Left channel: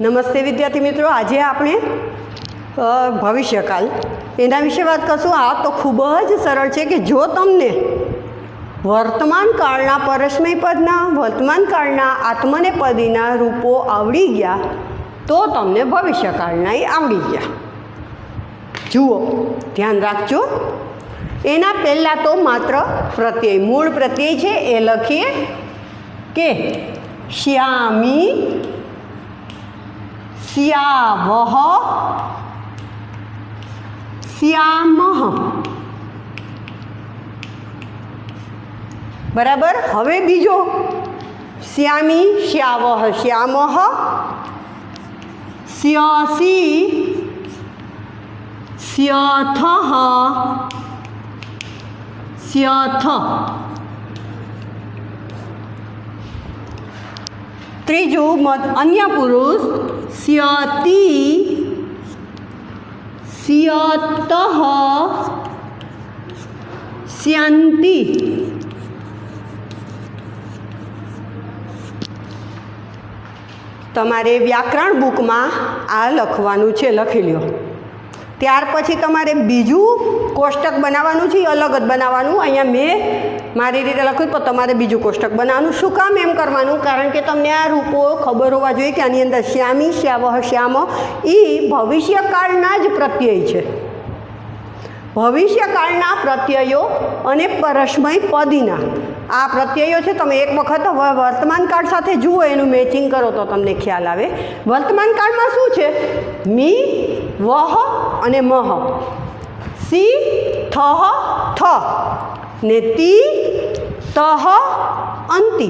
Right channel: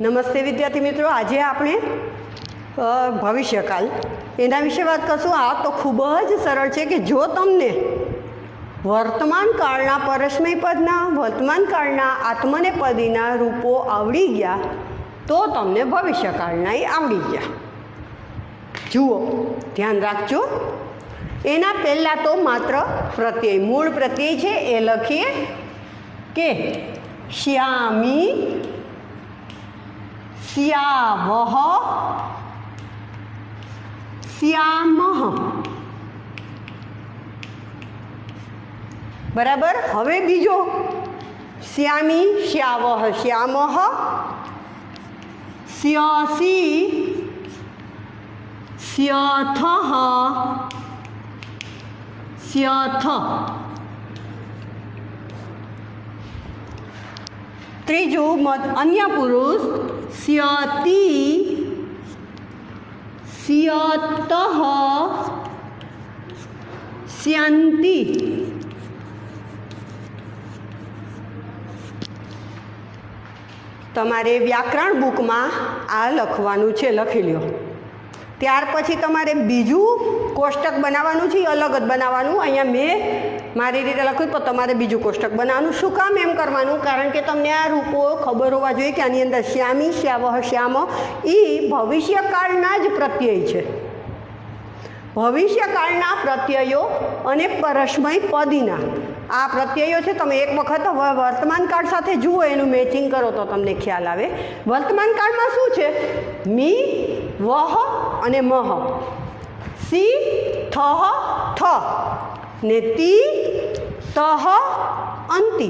નમસ્તે વિદ્યાર્થી મિત્રો, આજે આપણે ભવિષ્યકાલ એના વિશે વાત કરશું। આ તો ખૂબ જ સરળ છે કે જો તમને વર્તમાન કાળના પરસ્મય પદના, વર્તમાન કાળના આત્મનેપદીના રૂપો આવડી ગયા તો તમને ભવિષ્યકાળના આવડી ગયા। જુઓ, ધ્યાન રાખજો। એના પહેલાં તો માત્ર પ્રત્યય, મૂળ પ્રત્યય છે એ લખીએ કે શ્યામી, શ્યાવહ, શ્યામઃ। બરાબર। હવે બીજો શ્યામી, શ્યાવહ, શ્યામઃ, શ્યસી, શ્યથઃ, શ્યથ। ત્રીજું અન્ય પુરુષ શ્યતિ, શ્યતઃ, શ્યન્તિ। તમારે વ્યાકરણ બુકમાં આ લખવાનું છે, લખી લ્યો। ત્યાર પછી તમારે બીજું કોષ્ટક બનાવવાનું છે, અલગ જ બનાવવાનું। અહીંયા મેં મારી રીતે લખ્યું પણ તમારે બીજું કોષ્ટક બનાવવાનું। શું કામ એમ કરવાનું? કારણ કે તમને આ રૂપો ખબર હોવા જોઈએ કે આની અંદર શ્યામી, શ્યાવહ, શ્યામ એ ભવિષ્યકાળના જ પ્રત્યય છે। ભવિષ્યકાળના પ્રત્યયો અને પરસ્મય પદીના આ પ્રત્યયો છે। તમે એક વખત વર્તમાન કાળ સાથે જુઓ, એનું મેચિંગ કરો તો તમને ખ્યાલ આવે। વર્તમાન કાળમાં શું છે? મી, વહ અને મહ, સી, થહ, થ ને તી, તહ, અંતિ।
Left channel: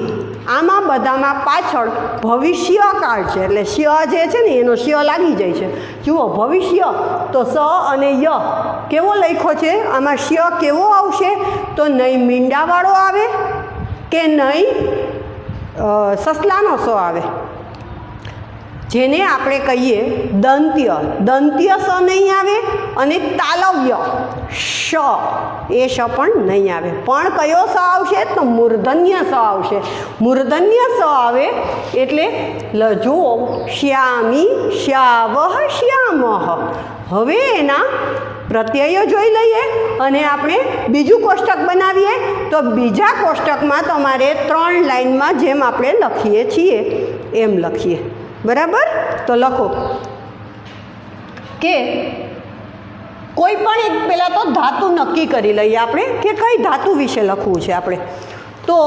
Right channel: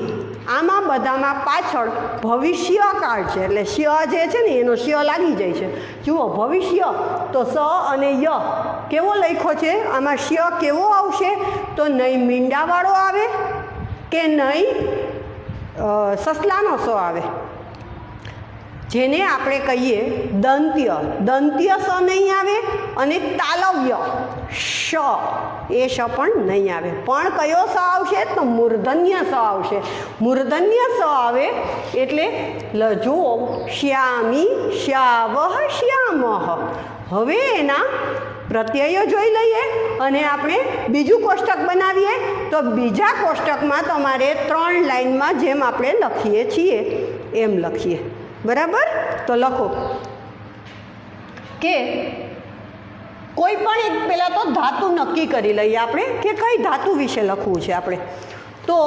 આમાં બધામાં પાછળ ભવિષ્યકાળ છે, એટલે શ્ય જે છે ને એનો શ્ય લાગી જાય છે। જુઓ, ભવિષ્ય તો સ અને ય કેવો લખ્યો છે? આમાં શ્ય કેવો આવશે? તો નહીં મીંડાવાળો આવે કે નહીં સસલાનો સ આવે, જેને આપણે કહીએ દંત્ય। દંત્ય સ નહીં આવે અને તાલવ્ય શ, એ શ પણ નહીં આવે। પણ કયો સ આવશે? તો મૂર્ધન્ય સ આવશે। મૂર્ધન્ય સ આવે એટલે જુઓ, શ્યામી, શ્યાવહ, શ્યામઃ। હવે એના પ્રત્યયો જોઈ લઈએ અને આપણે બીજું કોષ્ટક બનાવીએ। તો બીજા કોષ્ટકમાં તમારે 3 લાઈનમાં જેમ આપણે લખીએ છીએ એમ લખીએ। બરાબર? તો લખો કે કોઈ પણ એક પહેલાં તો ધાતુ નક્કી કરી લઈએ આપણે કે કઈ ધાતુ વિશે લખવું છે આપણે। તો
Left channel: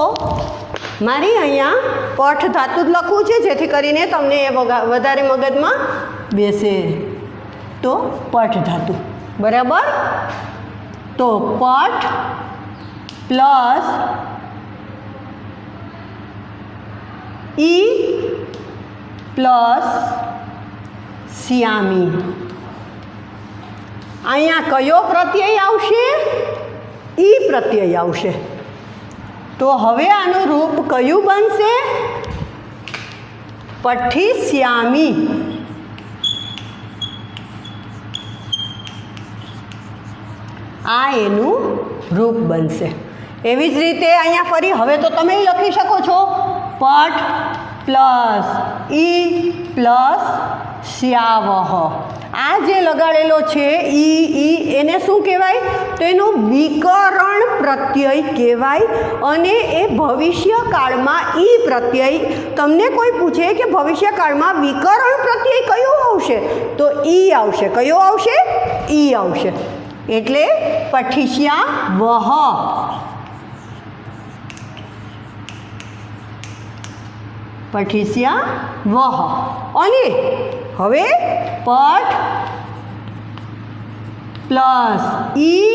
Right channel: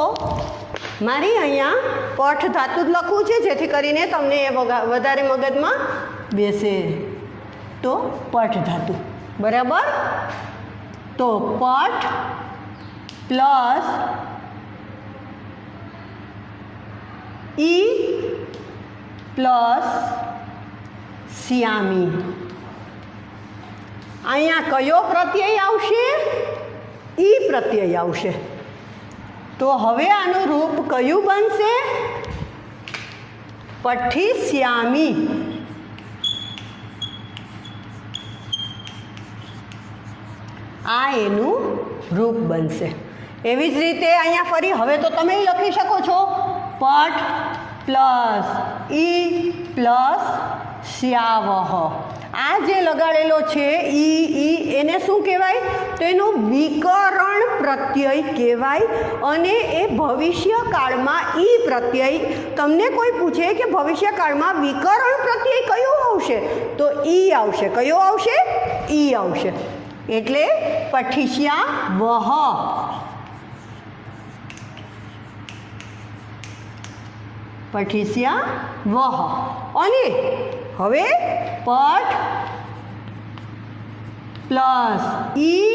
મારી અહીંયા પઠ ધાતુ જ લખવું છે, જેથી કરીને તમને એ વધારે મગજમાં બેસે। તો પઠ ધાતુ, બરાબર? તો પઠ પ્લસ ઈ પ્લસ શ્યામી। અહીંયા કયો પ્રત્યય આવશે? ઈ પ્રત્યય આવશે। તો હવે આનું રૂપ કયું બનશે? પઠ્ઠી શ્યામી। આ એનું રૂપ બનશે। એવી જ રીતે અહીંયા ફરી હવે તો તમે લખી શકો છો પઠ પ્લસ ઈ પ્લસ શ્યાવહ। આ જે લગાડેલો છે ઈ, એને શું કહેવાય? તો એનું વિકરણ પ્રત્યય કહેવાય। અને એ ભવિષ્યકાળમાં ઈ પ્રત્યય, તમને કોઈ પૂછે કે ભવિષ્યકાળમાં વિકરણ પ્રત્યય કયો આવશે? તો ઈ આવશે। કયો આવશે? ઈ આવશે। એટલે પઠિષ્યાવહ, પઠિષ્યાવહ। અને હવે પઠ પ્લસ ઈ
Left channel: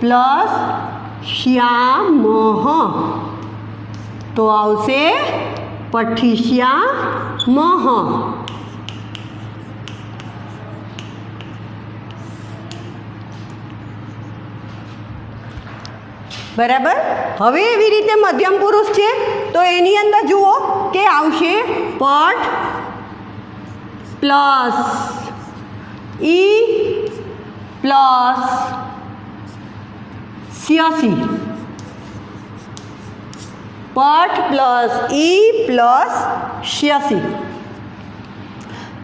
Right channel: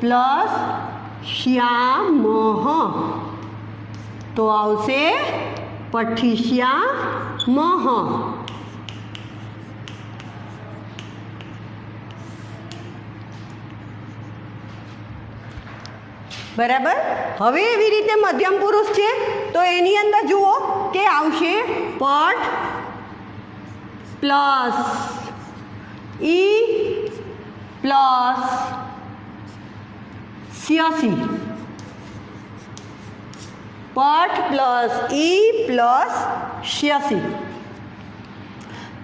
પ્લસ શ્યામઃ, તો આવશે પઠિષ્યામઃ। બરાબર? હવે એવી રીતે મધ્યમ પુરુષ છે તો એની અંદર જુઓ કે આવશે પઠ પ્લસ ઈ પ્લસ શ્યસી। પઠ પ્લસ ઈ પ્લસ 86।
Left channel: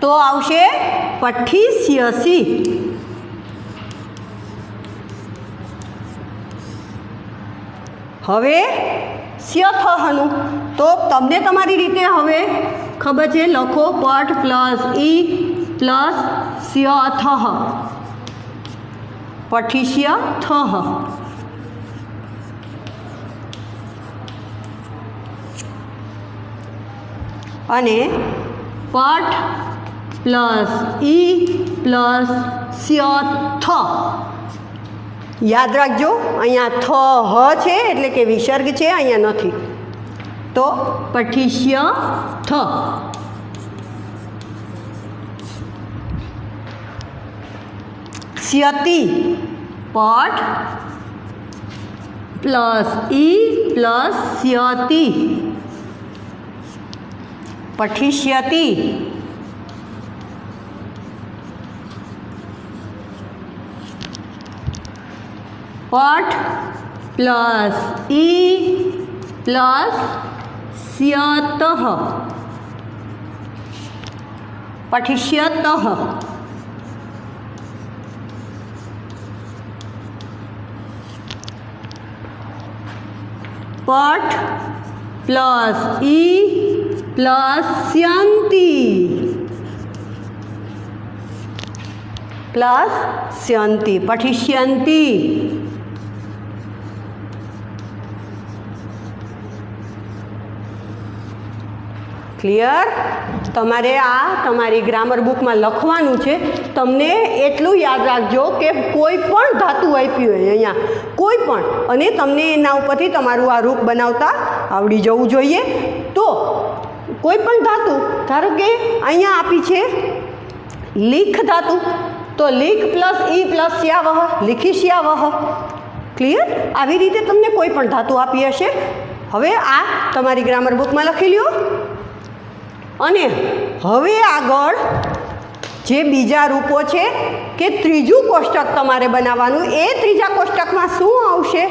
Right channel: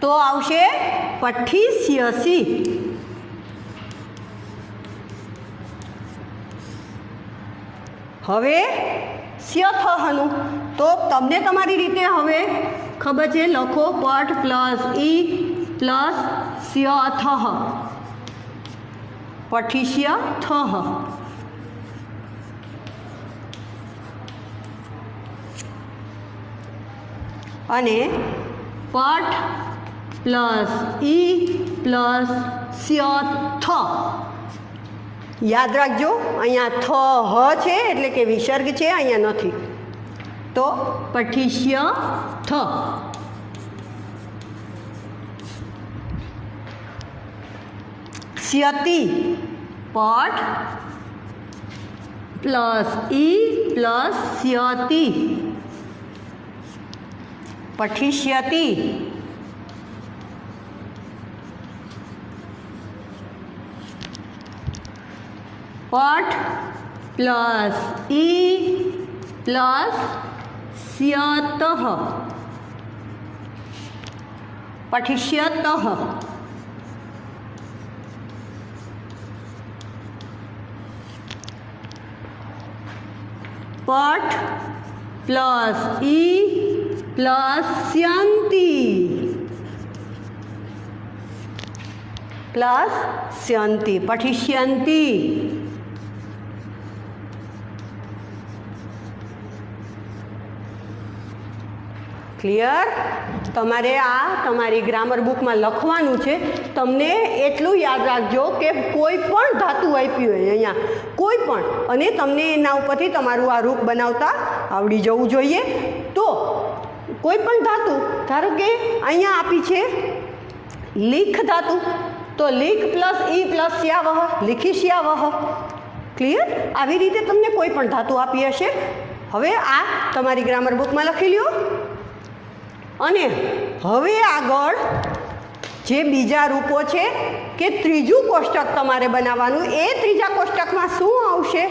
તો આવશે પઠિષ્યસી. હવે સ્યથનું તો તમને તમારી રીતે હવે ખબર છે, લખો પઠ પ્લસ ઈ પ્લસ સ્યથ, પઠિષ્યથ. અને પઠ પ્લસ ઈ પ્લસ સ્યથ. યાદ રાખજો, અહીંયા થ હ છે એટલે કે વિસર્ગ છે, અહીંયા નથી. તો પઠિષ્યથ. સ્યતિ પઠ પ્લસ ઈ પ્લસ સ્યતિ, પઠિષ્યતિ. પઠ પ્લસ ઈ પ્લસ સ્યત, પઠિષ્યત. પઠ પ્લસ ઈ પ્લસ સ્યંતિ, પ્લસ સ્યંતિ, પઠિષ્યંતિ. ક્લિયર? તમારે આ તમારી ગ્રામર બુકમાં લખવાનું છે. તમને એટલું યાદ રાખજો કે કોઈ પણ ધાતુ આપી હોય અહીંયા, કોઈ પણ, અને તમને એના ઉપરથી તમારું આ રૂપ બનાવતા આવડી જવું જોઈએ. તો કોઈ પણ ધાતુ, ધારો કે અહીંયા આપી છે લીખ ધાતુ, તો લીખ પ્લસ ઈ પ્લસ સ્યાવહ, લીખિષ્યાવહ. ક્લિયર? આવી રીતે તમને કોઈ પણ ધાતુ આપી હશે. હવે આ તમારી ગ્રામર બુકમાં લખી લ્યો. અને હવે આગળ જે બીજા રૂપો છે કે ત્રીજું કોષ્ટક તમારે બનાવવાનું, એ ત્રીજા કોષ્ટકમાં શું આવશે?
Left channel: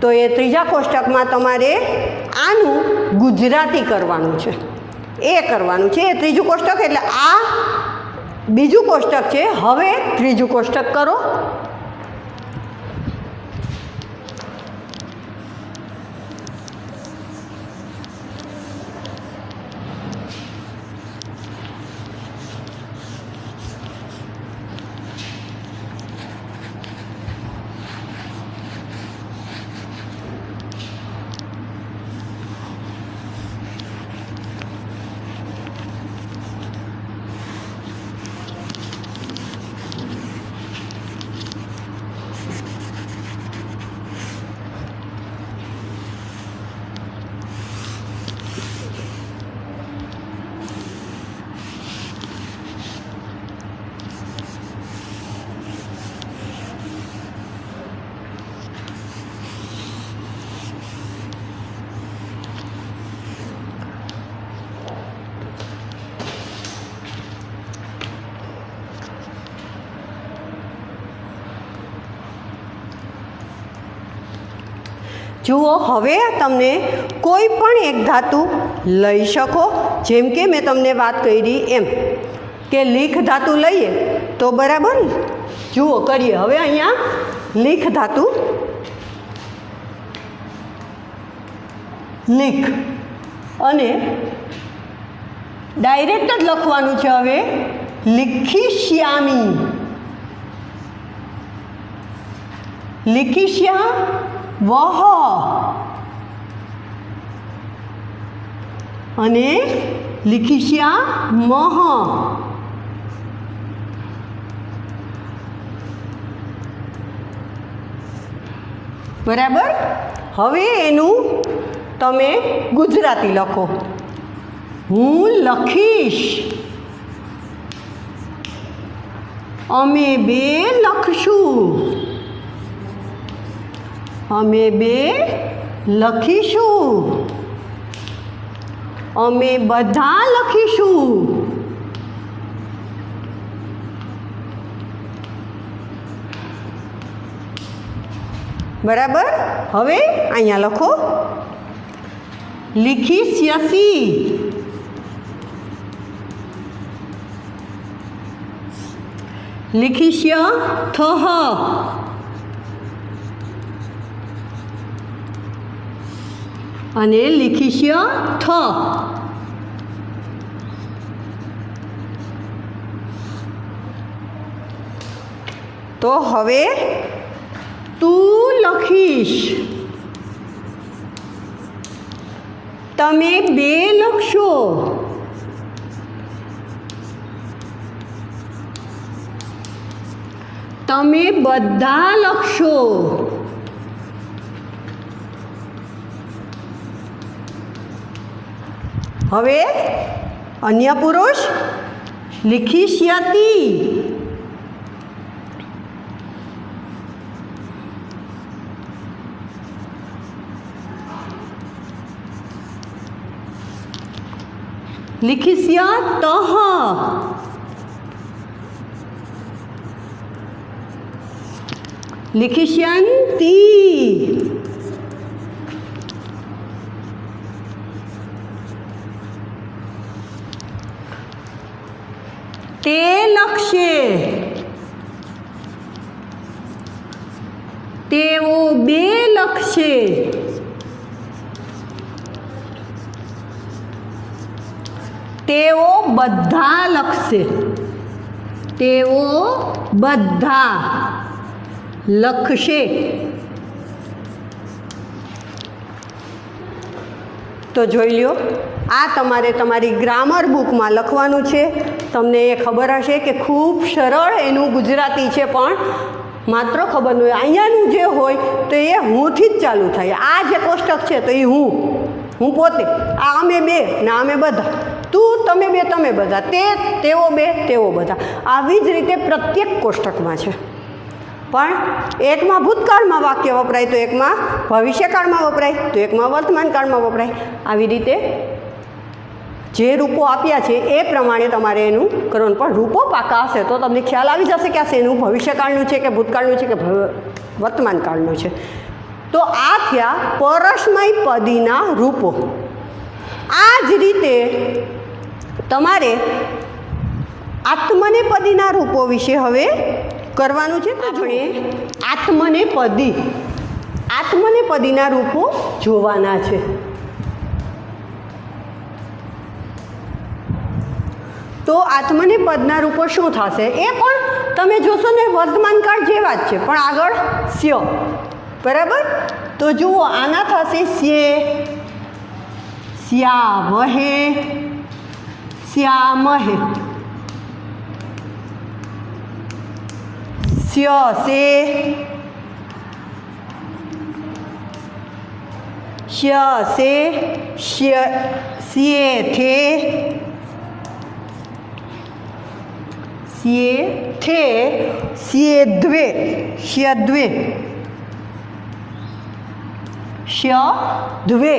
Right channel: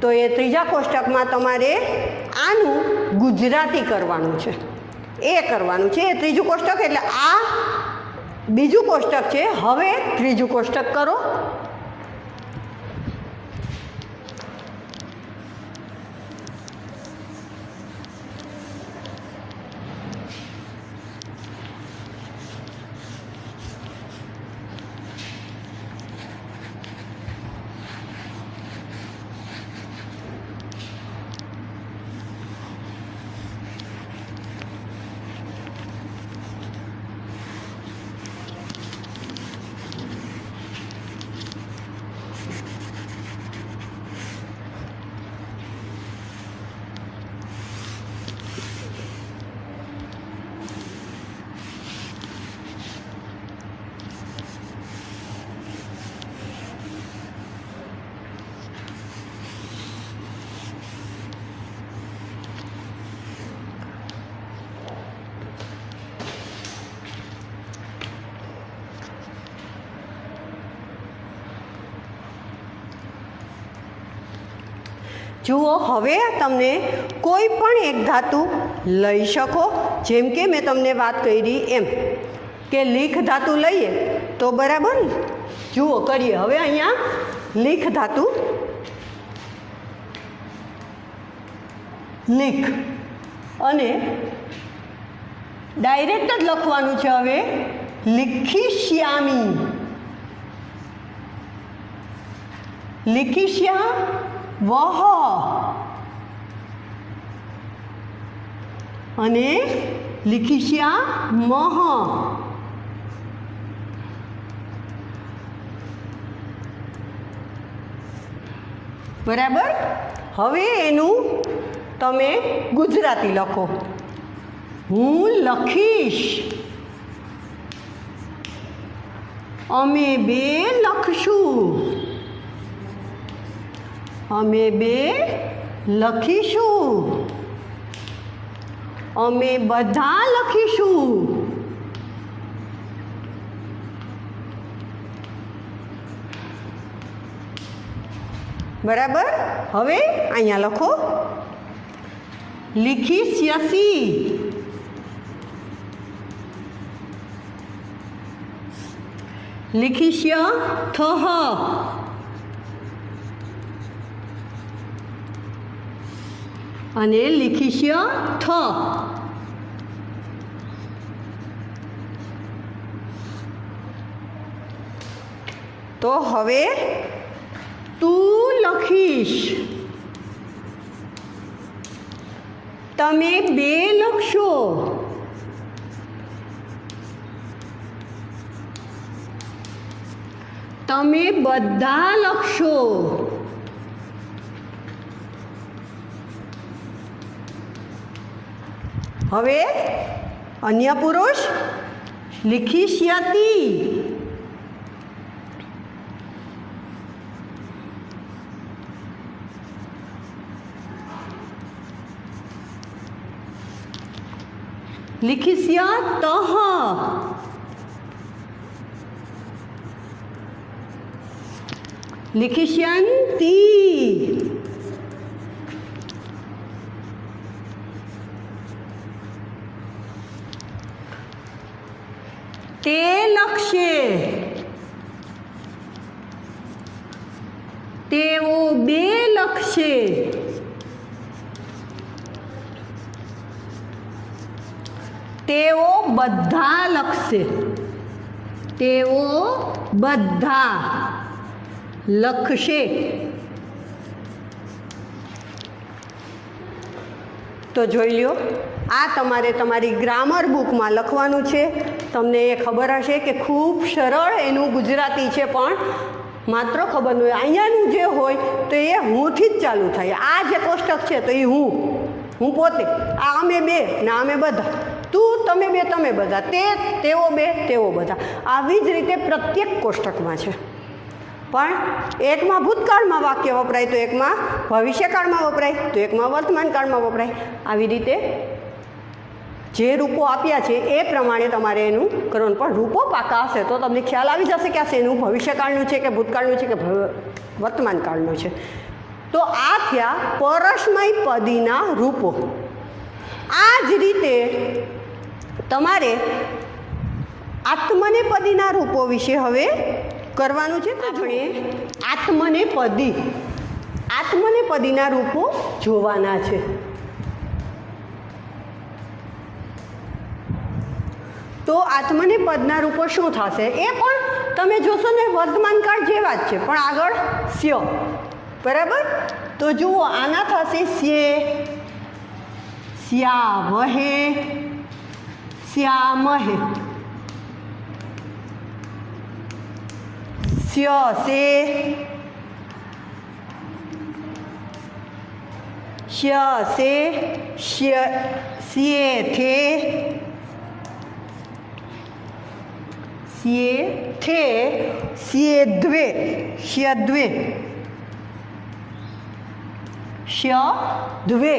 તો એ ત્રીજા કોષ્ટકમાં તમારે આનું ગુજરાતી કરવાનું છે, એ કરવાનું છે. એ ત્રીજું કોષ્ટક એટલે આ બીજું કોષ્ટક છે. હવે ત્રીજું કોષ્ટક કરો. જુઓ, હવે તમને કોઈ પણ એક ધાતુ લઈ શકો. જેમ કે મેં તમને વાત કરી એમ કે લીખ ધાતુ લઈએ તો બરાબર. જુઓ કરીએ. હવે અહીંયા લીખ ધાતુ, લીખ, અને ડાયરેક્ટ જ લખવાનું છે. હવે લીખિષ્યામી, લીખિષ્યા વહ, અને લીખિષ્યા મહ. બરાબર? હવે એનું તમે ગુજરાતી લખો. હું લખીશ, અમે બે લખશું, અમે બે લખીશું, અમે બધા લખીશું. બરાબર? હવે અહીંયા લખો લીખિષ્યસી, लिखिष्य थः અને लिखिष्य थ। तो हवे तू लखीश, तमे बे लखशो, तमे बधा लखशो। हवे अन्य पुरुष लिखिष्यति, लिखिष्यतः, लिखिष्यन्ति, ते लक्ष्ये, तेओ बे लक्ष्ये, तेओ बधा लखशे, तेओ बधा लखशे। तो જોઈ લ્યો, આ તમારે તમારી ગ્રામર બુકમાં લખવાનું છે। તમને એ ખબર હશે કે ખૂબ સરળ એનું ગુજરાતી છે, પણ માત્ર ખબર ન હોય અહીંયાનું જે હોય તો એ હુંથી જ ચાલુ થાય। આ જે કોષ્ટક છે તો એ હું પોતે, આ અમે બે ને અમે બધા, તું તમે બે તમે બધા, તે તેઓ બે તેઓ બધા, આવી જ રીતે પ્રત્યેક કોષ્ટકમાં છે। પણ એકમાં ભૂતકાળમાં વાક્ય વપરાય તો એકમાં ભવિષ્યકાળમાં વપરાય તો એકમાં વર્તમાનકાળમાં વપરાય। આવી રીતે જે રૂપો આપ્યા છે એ પ્રમાણે તમારે એનું કરવાનું। પણ રૂપો પાકા હશે તો તમને ખ્યાલ આવી જશે કે આ શેનું ભવિષ્યકાળનું છે કે ભૂતકાળનું છે કે વર્તમાનકાળનું છે। તો આ થયા પરસ્મય પદીના રૂપો। આ જ રીતે તમારે આત્મનેપદીના રૂપો વિશે હવે કરવાનું છે। તો આપણે આત્મનેપદીના રૂપો જોવાના છે। તો આત્મનેપદના રૂપો શું થશે એ પણ તમે જોશો ને વર્તમાનકાળ જેવા જ છે, પણ આગળ સ્ય, બરાબર। તો જુઓ, આના થશે સ્યે, સ્યાવહે, સ્યામહે, સ્યસે, સ્યસે, સ્યેથે, स्येथे, स्येद्वे, स्यद्वे, स्यद्वे,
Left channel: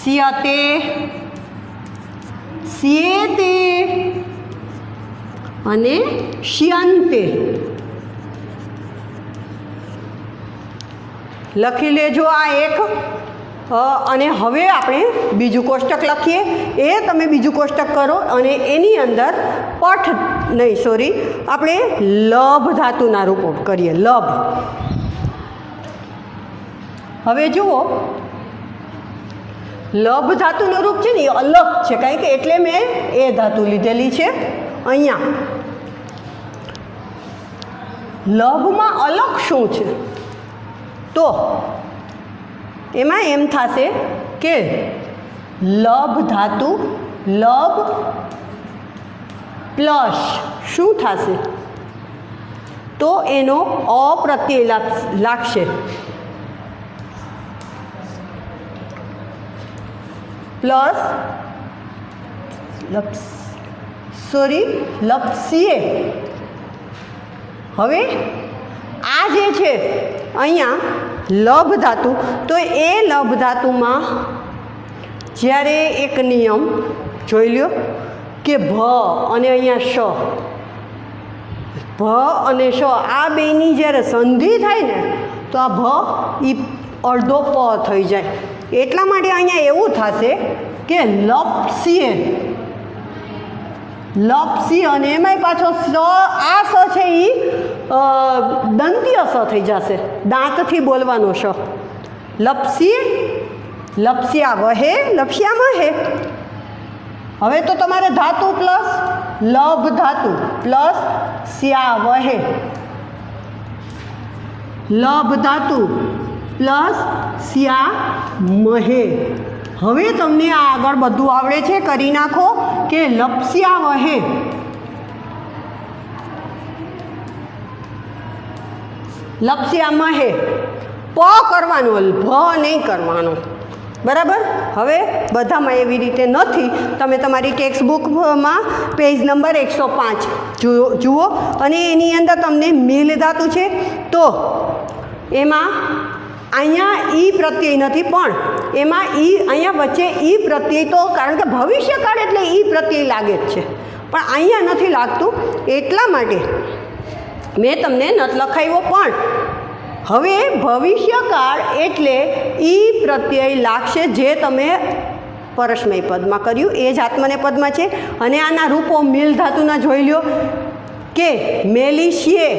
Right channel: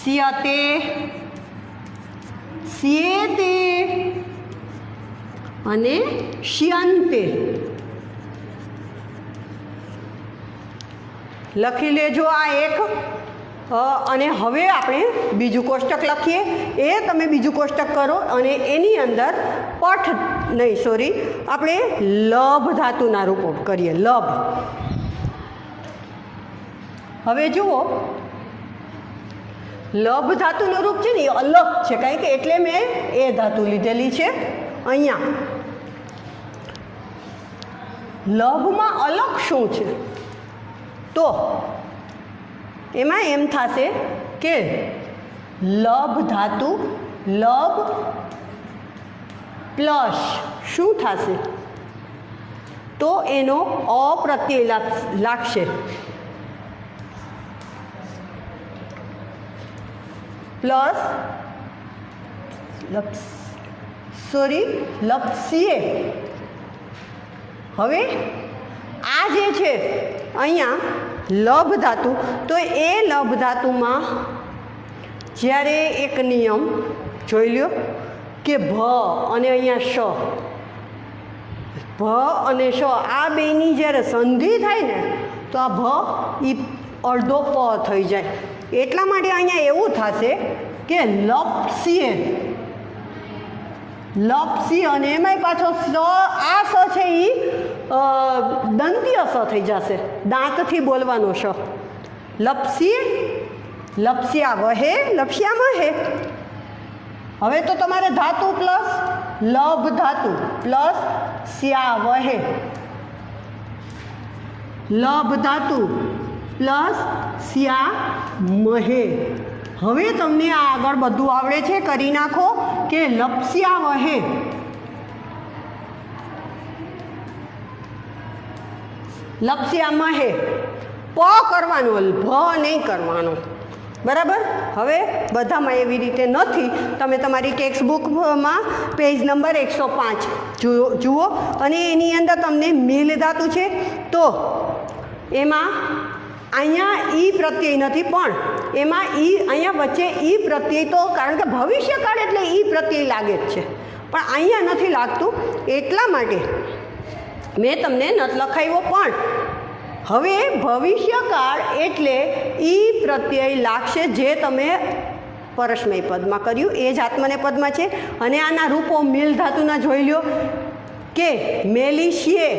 स्यते, स्येते અને શ્યંતે। લખી લેજો આ એક। અને હવે આપણે બીજું કોષ્ટક લખીએ। એ તમે બીજું કોષ્ટક કરો અને એની અંદર આપણે લભ ધાતુના રૂપો કરીએ। લભ, હવે જુઓ, લભ ધાતુનું રૂપ છે ને એ અલગ છે, કારણ કે એટલે મેં એ ધાતુ લીધેલી છે અહીંયા। લભમાં અલગ શું છે? તો એમાં એમ થશે કે લભ ધાતુ, લભ પ્લસ શું થશે? તો એનો અપ્રત્યય લાગશે, પ્લસ લપસીએ। હવે આ જે છે અહીંયા લભ ધાતુ, તો એ લભ ધાતુમાં જ્યારે એક નિયમ જોઈ લ્યો કે ભ અને અહીંયા શ, ભ અને શ આ બેની જ્યારે સંધિ થાય ને તો આ ભ એ અડધો પ થઈ જાય। એટલા માટે અહીંયા એવું થશે કે લપસીએ, લપસી અને એમાંય પાછો આ સ છે એ દંતીય સ થઈ જશે, દાંતથી બોલવાનો શ. લપસી, લપસ્યા વહે, લપસ્યા વહે. હવે તો તમારે ધાતુ પ્લસ લભ ધાતુ પ્લસ સ્યા વહે, લભ ધાતુ પ્લસ સ્યા મહે. હવે તમને આ આગળ બધું આવડે છે, કરી નાખો કે લપસ્યા વહે, લપસ્યા મહે. પ કરવાનો, ભ નહીં કરવાનો, બરાબર. હવે બધામાં એવી રીતે નથી. તમે તમારી ટેક્સ્ટ બુકમાં પેજ નંબર 105 જુઓ અને એની અંદર તમને મિલ ધાતુ છે તો એમાં અહીંયા ઈ પ્રત્યય નથી, પણ એમાં ઈ અહીંયા વચ્ચે ઈ પ્રત્યય તો કારણ કે ભવિષ્યકાળ એટલે ઈ પ્રત્યય લાગે જ છે, પણ અહીંયા નથી લાગતું એટલા માટે મેં તમને નથી લખાવ્યો. પણ હવે ભવિષ્યકાળ એટલે ઈ પ્રત્યય લાગશે જે તમે પરસ્મય પદમાં કર્યું એ જ આત્મનેપદમાં છે. અને આના રૂપો મિલ ધાતુના જોઈ લ્યો કે મેલિશિયે,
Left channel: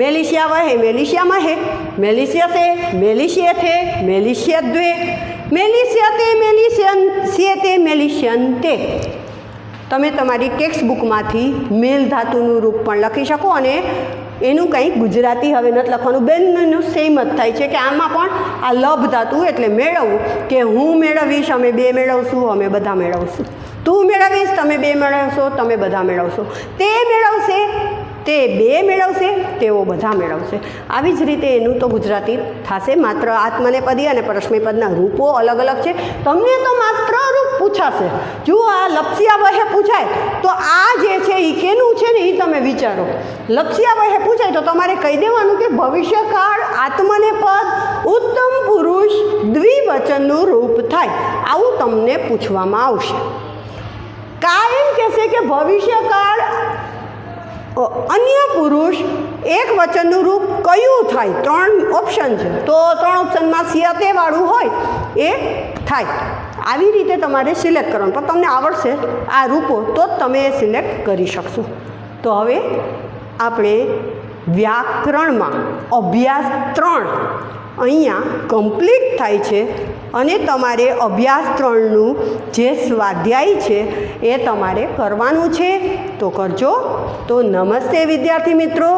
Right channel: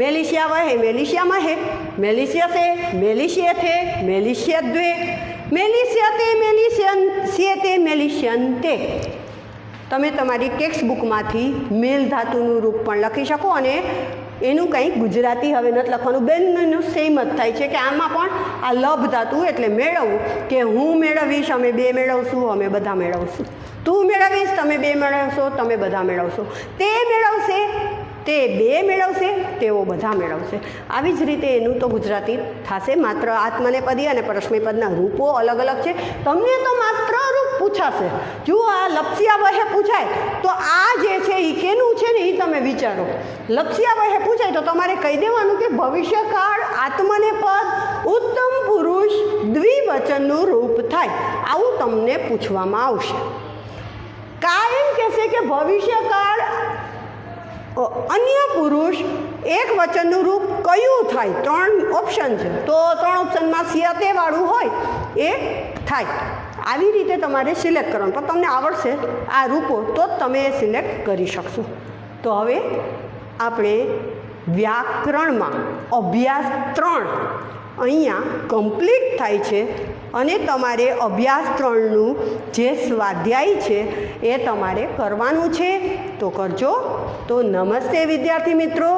મેલિશિયા વહે, મેલિશિયા મહે, મેલિશિયસે, મેલિશિયેથે, મેલિશિયદ્વે, મેલિશિયતે, મેલિશિયન્સ્યેતે, મેલિશિયન્તે. તમે તમારી ટેક્સ્ટ બુકમાંથી મેલ ધાતુનું રૂપ પણ લખી શકો અને એનું કંઈ ગુજરાતી હવે નથી લખવાનું, બેનનું સેમ જ થાય છે કે આમાં પણ આ લભ ધાતુ એટલે મેળવવું, કે હું મેળવીશ, અમે બે મેળવશું, અમે બધા મેળવશું. તું મેળવીશ, તમે બે મેળવશો, તમે બધા મેળવશો. તે મેળવશે, તે બે મેળવશે, તેઓ બધા મેળવશે. આવી જ રીતે એનું તો ગુજરાતી થશે. માત્ર આત્મનેપદી અને પરસ્મયપદના રૂપો અલગ અલગ છે. તમને તો માત્ર રૂપ પૂછાશે. જો આ લપસ્યા વહે પૂછાય તો આ જે છે એ કેનું છે ને એ તમે વિચારો. લપસ્યા વહે પૂછાય તો તમારે કહી દેવાનું કે ભવિષ્યકાળ આત્મનેપદ ઉત્તમ પુરુષ દ્વિવચનનું રૂપ થાય. આવું તમને પૂછવામાં આવશે. કાયમ કહેશે કે ભવિષ્યકાળ અન્ય પુરુષ એક વચનનું રૂપ કયું થાય? 3 ઓપ્શન છે, તો 3 ઓપ્શનમાં સિયતે વાળું હોય એ થાય. આવી રીતે તમારે સિલેક્ટ કરવાનું, પણ તમને આવડશે આ રૂપો તો જ તમે એ સિલેક્ટ કરી શકશો. તો હવે આપણે વ્યાકરણમાં અભ્યાસ 3 અહીંયા કમ્પ્લીટ થાય છે અને તમારે અભ્યાસ 3નું જે સ્વાધ્યાય છે એ તમારે કરવાનું છે. તો કરજો. તો નમસ્તે વિદ્યાર્થી મિત્રો.